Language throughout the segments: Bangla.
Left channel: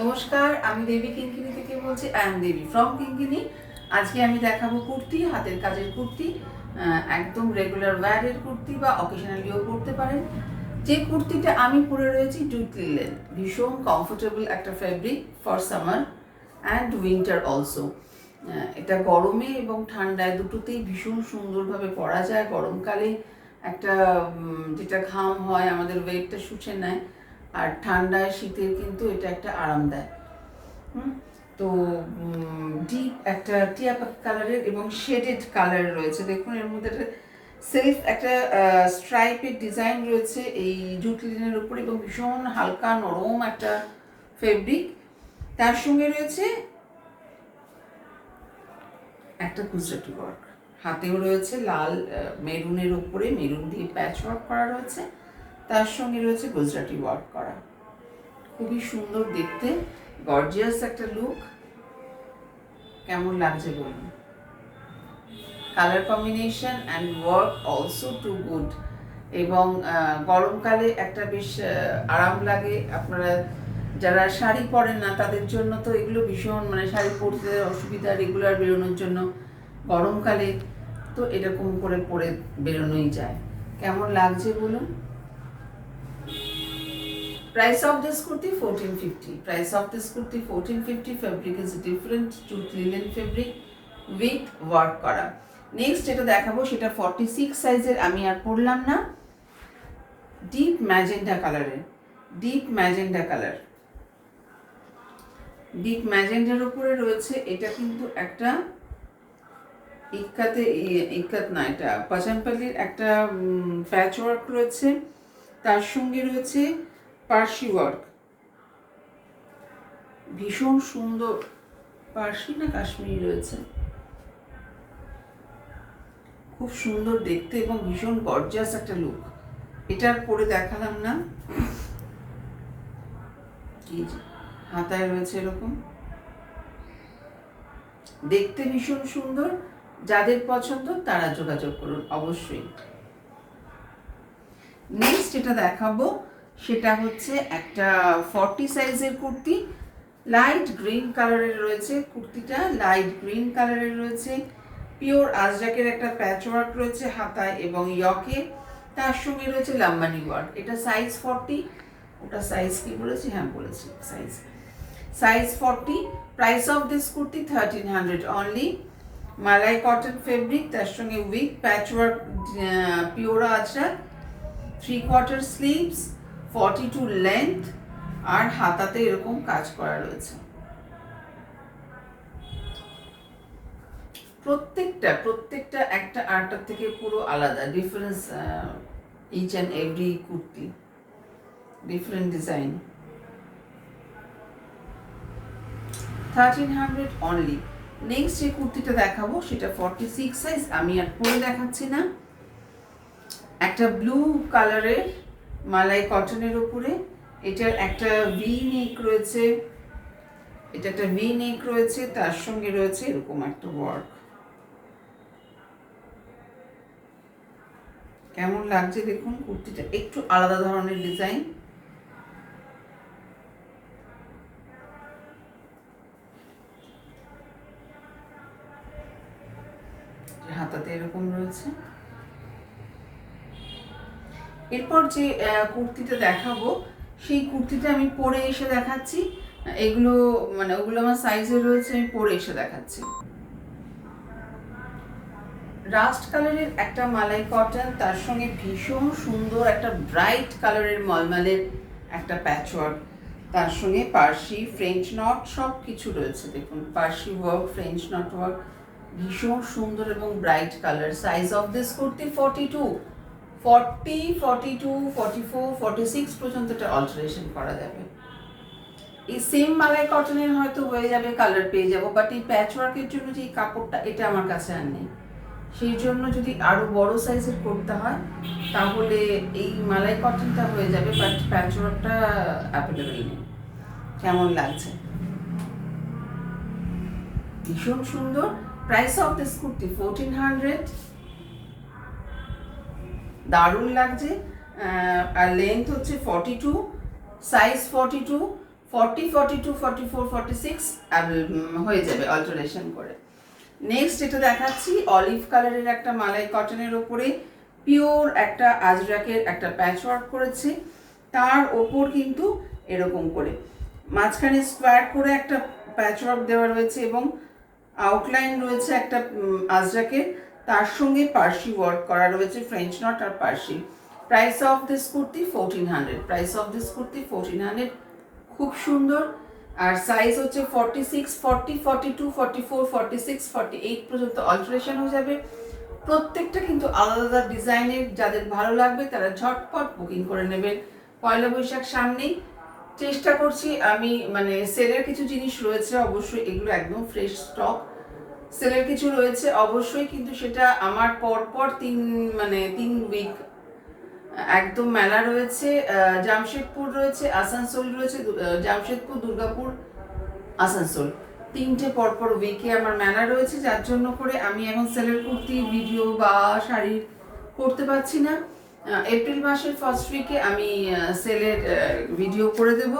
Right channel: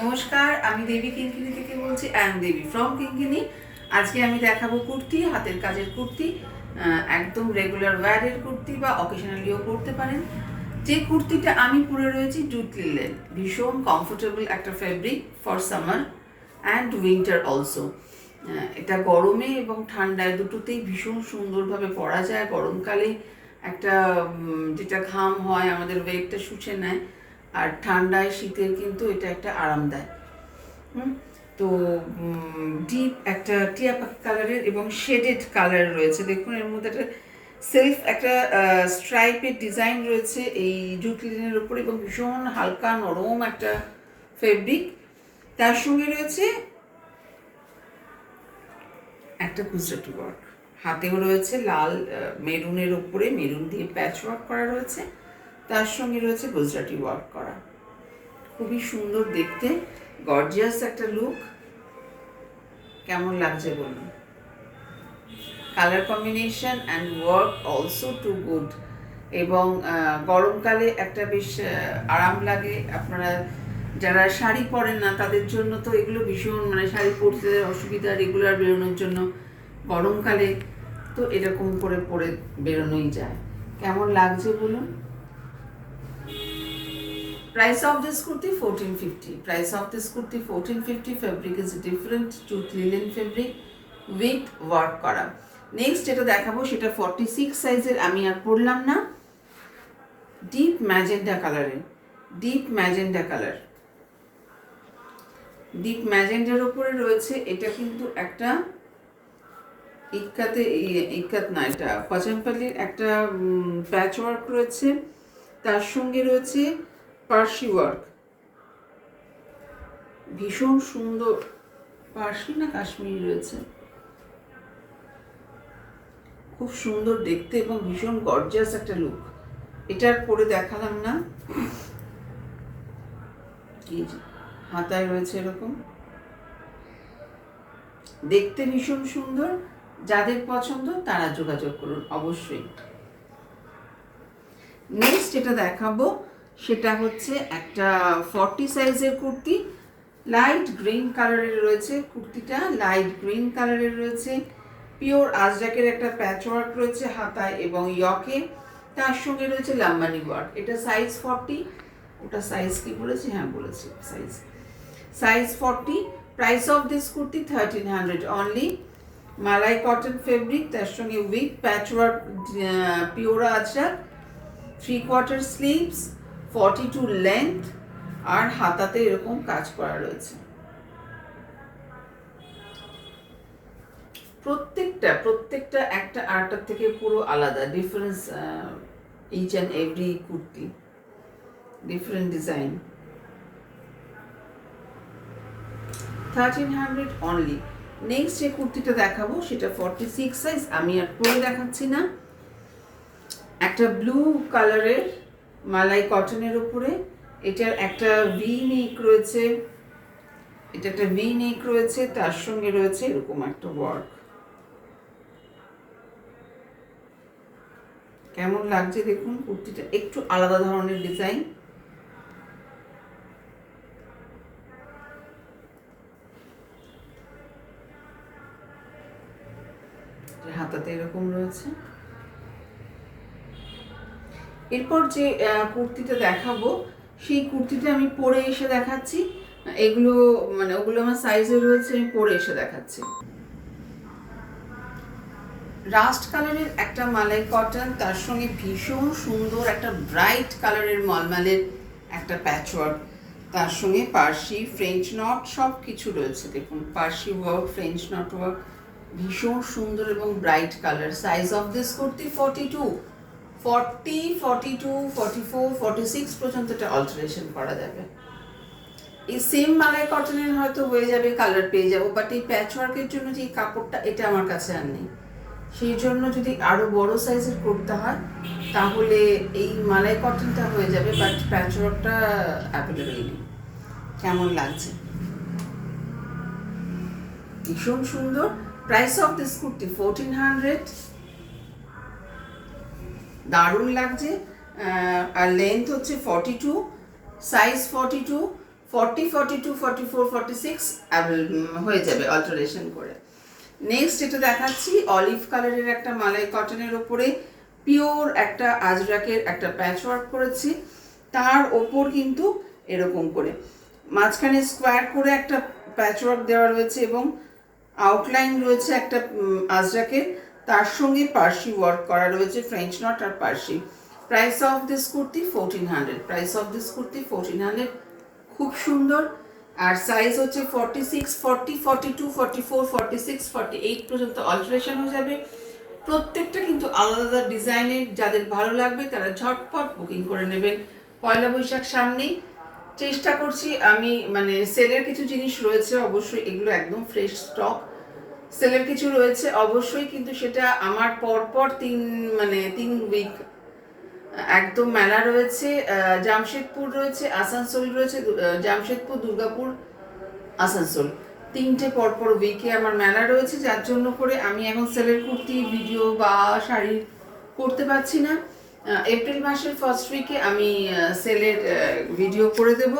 নমস্কার, আমি দেবী কিঙ্কিনি থেকে বলছি। আই এম দেবী ফ্রম কিঙ্কিনি। আজকে আমি দেখাবো কুর্তি, হাতের কাজের কুর্তি, একদম রেগুলার ওয়্যারের কুর্তি বা অকেশনালিও পরতে পারেন। যে কুর্তিটা আমি পরে রয়েছি জুট লিলেন, ভীষণ কমফোর্টেবল একটা fabric for summer and winter also. এটা গরমে এবং ঠান্ডায় দুটোতেই ভীষণ সুন্দরভাবে পরা যায়। গরমকালে একটা যেটা ঘাম হয় আমাদের ওয়েটটা শুষে নেয়, আর ঠান্ডায় শীতের কিন্তু এটা একটা আরাম দেয়। তো ডিপ একটা টিয়া পাখি কালারের এবং শেডেড কালার রয়েছে। দেখুন এর মধ্যে একটা সেলফ একটা স্ট্রাইপের ডিজাইন রয়েছে এই জুট লিনেনের উপর, এবং ভীষণ হালকা নরম একটা ফেব্রিক। তার সঙ্গে রয়েছে একটা গুজরাটি ওয়ার্ক, হাতেও রয়েছে লাল মেরুনের উপরে মেরুন দিয়ে প্যাচ ওয়ার্ক করা রয়েছে, তার সঙ্গে রয়েছে গুজরাটি ওয়ার্ক করা। খুবই সুন্দর দেখতে, গর্জিয়াস একটা লুক। কেমন লাগছে বলুন? Colour combination and work also too good, এবং গরমকালে একটা বেশ আরাম লাগে। আপনারা যারা শাড়ি পরেন না তাদের জন্য তো এগুলো ভীষণ, মানে শাড়ি পরতে অসুবিধা, রেগুলার বেরোনোর জন্য। গরমকালে তো এরকম করে পরে বেরোনোই যায়। কেমন লাগছে বলুন? Price of this kurti 1450. Price of this kurti 1450. Fabric is different, jute linen fabric with work করা। নেক্সট যেটা দেখাবো সেটা 46 সাইজের, আমি আর পরলাম না। ডিপ ম্যাজেন্ডা কালারের, ডিপ ম্যাজেন্ডা কালার, ডিপ ম্যাজেন্ডার উপরে রয়েছে। এটা কিন্তু একটা ইক্কাত না, এটা পচানপাল্লির একটা প্যাচ ওয়ার্ক রয়েছে, তার সঙ্গে রয়েছে পার্সি ওয়ার্ক। ভীষণ সুন্দর, পার্সি না কাশ্মীরি রয়েছে, খুব সুন্দর দেখতে এবং ভীষণ গর্জিয়াস একটা লুক। এটার পরে দেখালাম না, হাতায় রয়েছে এরকম, দেখতে ভীষণ সুন্দর। যাদের পছন্দ তারা যোগাযোগ করুন অবশ্যই। নেক্সট যেটা দেখাবো সেটা হচ্ছে একটা 40 সাইজের কুর্তি, লাইট গ্রিন কালারের রয়েছে। কুর্তিটা লাইট গ্রিন কালারের রয়েছে, পিওর আজরাকের একটা প্যাচ ওয়ার্ক রয়েছে হাতায় এবং ইয়কে, তার সঙ্গে রয়েছে লাম্বানি ওয়ার্ক। এটা সাইজ 40, ওটা সাইজ কি বলেছি? হ্যাঁ বলেছি, size 40। Price of this kurti 1300 only. Malai cotton fabric, তার সঙ্গে with patch work pure Ajrakh, 3/4 sleeves, 42 length, আর হাতাতে এরকম কাজ করা রয়েছে। প্রত্যেকটা একটা আরেকটার থেকে পুরো আলাদা, difference, each and every kurti different design. 1300 only. Next যে কুর্তিটা দেখাবো সেটা 46 সাইজ, আমি আর পরে দেখাচ্ছি না। একটা ব্লু কালারের মালাই কটনের উপরে, এটার একটা ভি নেক রয়েছে, এটা একটা ভি নেক রয়েছে, তার সঙ্গে রয়েছে এরকম একটা ওয়ার্ক। কেমন লাগছে দেখুন, কুর্তিটা একটু আলাদা ধরনের ডিজাইন। হাতাতে এরকম রয়েছে। এরপর যে কুর্তিটা দেখাবো সেই কুর্তিটা আমি পরে এসে দেখাচ্ছি। এগুলো মানে ওগুলো আমার সাইজে রয়েছে, আমি পরে এসে দেখাচ্ছি। রাস্ট কালারের একটা মালাই কটন, তার সঙ্গে ভীষণ সুন্দর একটা ব্রাইট কালারের মলমলের একটা প্যাচওয়ার্ক, তার সঙ্গে পার্সি ফ্রেঞ্চ নট সব কিছু রয়েছে। দেখুন Parsi work, French knot work, ভীষণ সুন্দর এবং bright colour. Size of this kurti 42, 40, 42, 44, 46 পর্যন্ত এটা অল্টারেশন করা যাবে। এই সেম মালাই কটনের হয়তো হয়ে যাবে, কালার পেয়ে যাবো, বাট এই প্যাচওয়ার্কের জন্য যে কাপড়টা, এটা আমার কাছে আর নেই। সেই জন্য যদি আরো বড় সাইজের করতে হয় তাহলে এই মালাই কটনটা হয়ে যাবে, বাট প্যাচওয়ার্কটা অ্যাভেলেবেল নেই। কেমন লাগছে? ভীষণ সুন্দর। Price of this kurti 1400। দারুণ লাগছে। আর লেন্থ হচ্ছে 42, সাইজ 42, 40, 42, 44, 46 হয়ে যাবে অল্টারেশন করে। নেক্সট এটা দেখাচ্ছি অলিভ কালারের একটা মালাই কটনের ওপরে পিওর একটা আজরাকের একটা প্যাচ ওয়ার্ক করেছি, তার ওপর কিন্তু এরকম করে মাঝখানে স্কোয়ার করে একটা প্যাচ ওয়ার্ক দেওয়া রয়েছে এবং আউটলাইন রয়েছে একটা আজরাকের, তার সঙ্গে পার্সি ওয়ার্ক করা রয়েছে, ফ্রেঞ্চ নট আর Parsi. Price of this kurti 1400, price of this kurti 1400, খুব সুন্দর। আর সাইজ হচ্ছে 46, 40, 42, 44, 46, 48 পর্যন্ত অল্টারেশন হয়ে যাবে। প্রত্যেকটা কিন্তু আলাদা ডিজাইনের, যাদের ভালো লাগবে তারা ঝটপট বুকিং করে নেবেন। পয়লা বৈশাখ সামনেই, চেষ্টা করছি আমি, মানে সেলের কিছু জিনিস রয়েছে অবশ্যই, এগুলো একদম ফ্রেশ স্টক, সেলের কিছু রয়েছে অবশ্যই, কিন্তু সেটা আমার পরপর 3 উইক একদম মেলা রয়েছে, জামশেদপুর রয়েছে, আসানসোল রয়েছে, জামশেদপুর, দুর্গাপুর, আসানসোল, 3টে পরপর উইকে আমার মেলা রয়েছে, যার জন্য করে আমি এখন সেলের কুর্তি ভিডিও বা শাড়ি করতে পারছি না। এপ্রিল মাসের ফার্স্ট উইকে আমি সেলের ভিডিও করে দেব।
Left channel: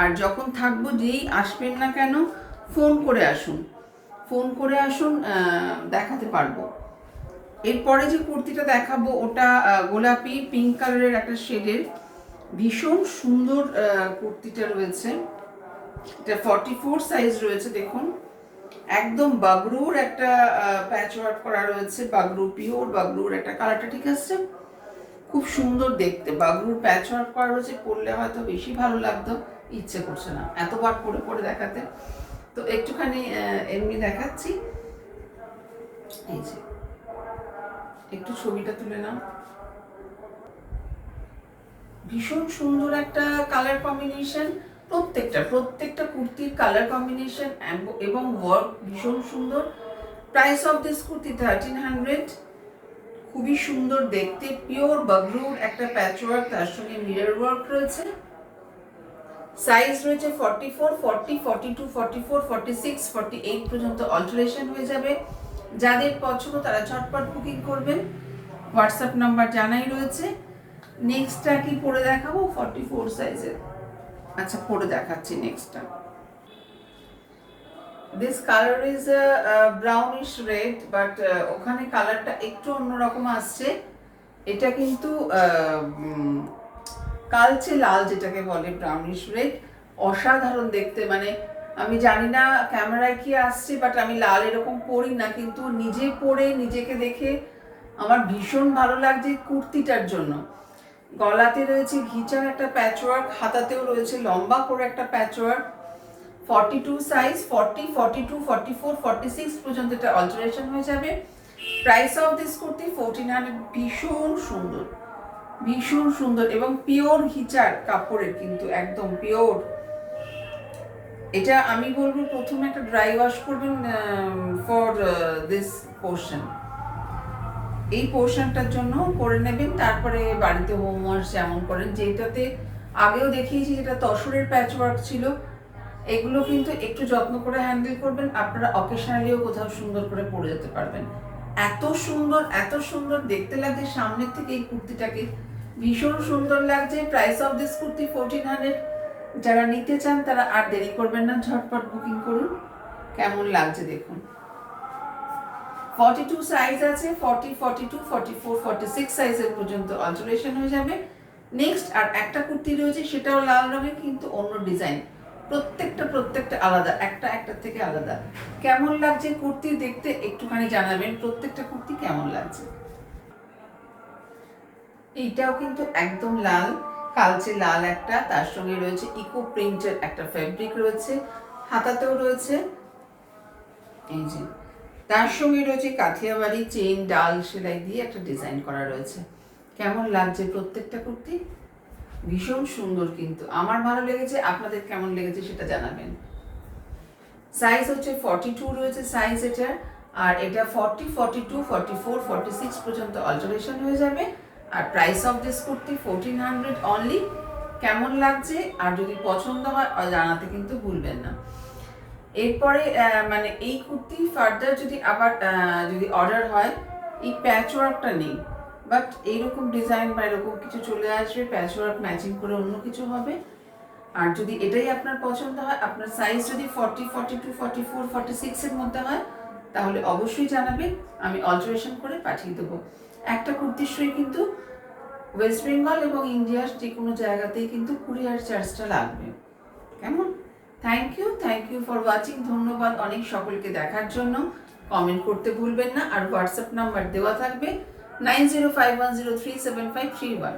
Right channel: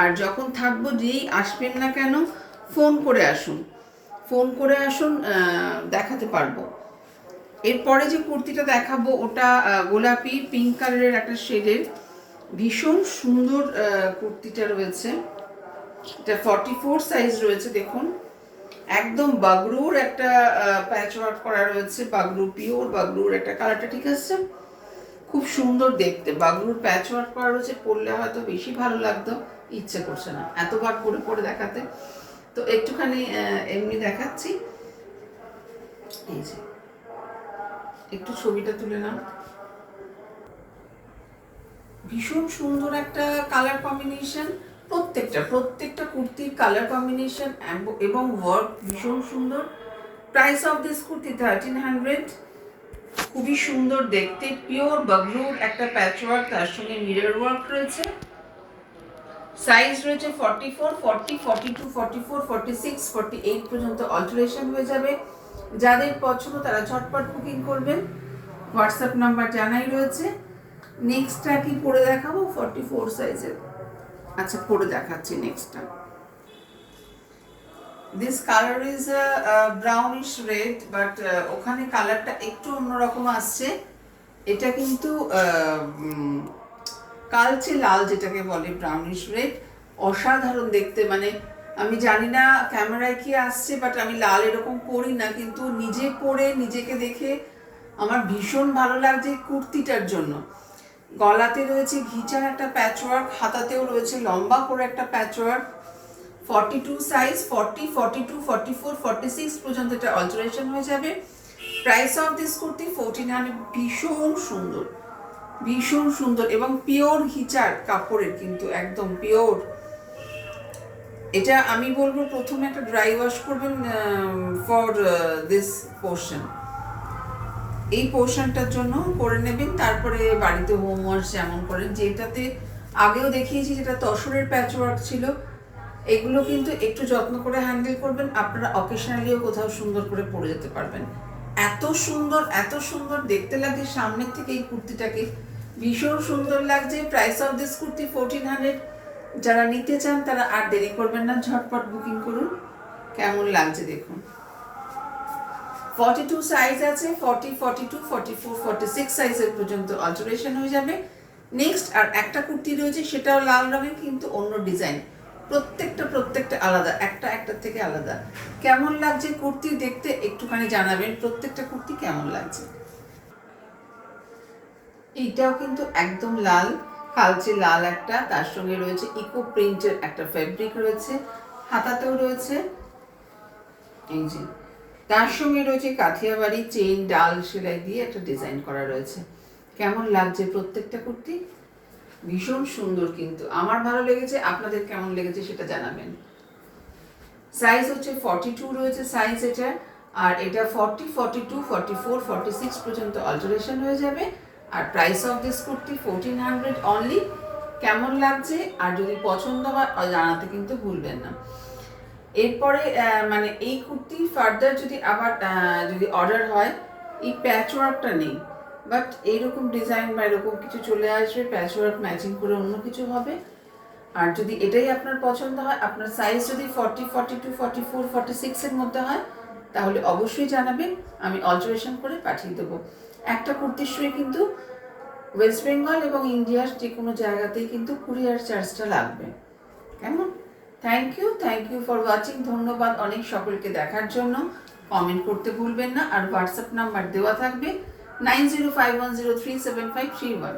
আর যখন থাকবো, যেই আসবেন না কেন ফোন করে আসুন, ফোন করে আসুন, দেখাতে পারবো। এরপরে যে কুর্তিটা দেখাবো ওটা গোলাপি পিঙ্ক কালারের একটা শেডের, ভীষণ সুন্দর কুর্তিটা রয়েছে। এটা 44 সাইজ রয়েছে, দেখুন একদম বাগরুর একটা প্যাচ ওয়ার্ক করা রয়েছে, বাগরু, পিওর বাগরুর একটা কালারটা ঠিক আছে, খুব সুন্দর দেখতে, বাগরুর প্যাচ ওয়ার্ক করা রয়েছে। পরলে হয়তো বেশি ভালো লাগতো, ইচ্ছে করছে না এতবার পরে পরে দেখাতে, তো একটুখানি এমনি দেখাচ্ছি। এই যে একটু ছবিটা তুলে নাও, ভীষণ সুন্দর একটা কালার কম্বিনেশন, প্রত্যেকটা কুর্তির কালার কম্বিনেশন এবং ওয়ার্ক ভীষণ সুন্দর। প্রাইস অফ দিস কুর্তি 1300, খুবই সুন্দর দেখতে, পিওর বাগরুর একটা প্যাচ ওয়ার্ক, তার সঙ্গে মিরর ওয়ার্ক রয়েছে। সাইজ রয়েছে 44, 40, 42, 44, 46, 48 পর্যন্ত অল্টারেশন হয়ে যাবে। যাদের পছন্দ তারা ঝটপট বুকিং করবেন, হোয়াটসঅ্যাপ নাম্বার জানাই রয়েছে। নেক্সটটা কি পরে দেখাবো 44 সাইজের, আচ্ছা পরে দেখাচ্ছি নেক্সটটা। This colour is brownish red, but ওখানে কালারটা একটু অন্যরকম আসছে, এটা কিন্তু কালচে লাল যেটাকে বলে, ব্রাউনিশ রেড, অসাধারণ দেখতে। মানে আমি জানি না ক্যামেরায় কি আসছে, বাট আমি লাল এরকম পরি না, কিন্তু নিজে পরে নিজেকে দেখে আমার ভীষণ ভালো লাগছে কুর্তিটার জন্য। গলাতে রয়েছে ঘিচার একটা প্যাচওয়ার্ক, হাতাতেও রয়েছে লম্বা করে একটা প্যাচওয়ার্ক। 42 সাইজ, 40, 42, 44, 46 পর্যন্ত এটা অল্টারেশন হয়ে যাবে। প্রাইস অফ দিস কুর্তি 1400, ভীষণ সুন্দর এবং পিওর ঘিচার কাপড়ের, কিন্তু একদম পিওর। এটা আমি বলবো প্রথমে একটা ড্রাই ওয়াশ করবেন ফর দিস পোর্শন, এই পোর্শনটার জন্য করে নেবেন, তারপরে বাড়িতে হোম ওয়াশ যেমন করেন, যেটাতে আগেও দেখিয়েছি যেটা তসরের প্যাচওয়ার্ক ছিল, এগুলো কিন্তু একটু যত্ন করে হ্যান্ডেল করবেন, আপনারা অকেশনালিও কোথাও সুন্দর করে পরে যেতে পারবেন। এত সুন্দর দেখতে লাগছে সামনের থেকে এই কুর্তিটাকে, ভীষণ সুন্দর লাগছে। প্রাইস অফ দিস কুর্তি 1400, যারা নিতে চান তারা আর দেরি করবেন না, ঝটপট বুকিং করুন। কেমন লাগছে দেখুন, 42 সাইজ আছে, 40, 42, 44, 46 সাইজের পর্যন্ত অল্টারেশন হয়ে যাবে। নেক্সট আর একটা কুর্তি রয়েছে, সেটাও লাল রঙের কিন্তু অন্য ডিজাইন, প্রত্যেকটা আলাদা, একটার থেকে আলাদা। কেমন লাগছে কুর্তি দেখতে একটুখানি জানাবেন, প্রত্যেকটা কুর্তি কেমন লাগছে। এইটাও কিন্তু একদম লাল, কালচে লাল একটা, তার সঙ্গে রয়েছে ইকো প্রিন্টের একটা ফেব্রিক রয়েছে, হাতাতেও রয়েছে এই যে, তার সঙ্গে রয়েছে কাঠিয়াবাড়ি চেইন ডাল সেলাই দিয়ে একটা ডিজাইন করা রয়েছে। কেমন লাগছে প্রত্যেকটা কুর্তি, ভীষণ সুন্দর, কিন্তু আমার ভালো লেগেছে, আপনাদের কেমন লেগেছে সেটা জানাবেন। সাইজ হচ্ছে 42 রয়েছে সাইজ এটা, আর এটা 40, 42, 44, 46 পর্যন্ত অল্টারেশন হয়ে যাবে। আর price of this kurti 1400 only. কেমন লাগছে আর যদি পছন্দ হয় জানাতে কিন্তু ভুলবেন না। এরপরে মানে এই কুর্তি ফার্দার যদি আবার যদি অর্ডার হয়, এই প্যাচওয়ার্কটা নেই, বাট এইরকম ডিজাইন বা এরকম কিছু চলে আসবে, প্যাচওয়ার্ক ম্যাচিং করে অন্য কিছু হবে। আর যদি এটাই আপনার পছন্দ হয়, আপনার সাইজ যদি 40, 42, 44, 46 এর মধ্যে হয়, তাহলে অবশ্যই জানাবেন, আমি অল্টারেশন করে পাঠিয়ে দেবো। একটা কুর্তির শুয়ে কিন্তু ওয়েস্ট বেঙ্গল এবং ইন্ডিয়ার যে কোনো জায়গাতেই কিন্তু কুরিয়ার চার্জটা লাগবে। কেমন? Thank you for watching. ধন্যবাদ অনেক সকলকে দেখার জন্য। কমেন্ট করতে ভুলবেন না। আর হোয়াটসঅ্যাপ নাম্বার দেওয়া থাকবে 9051037531।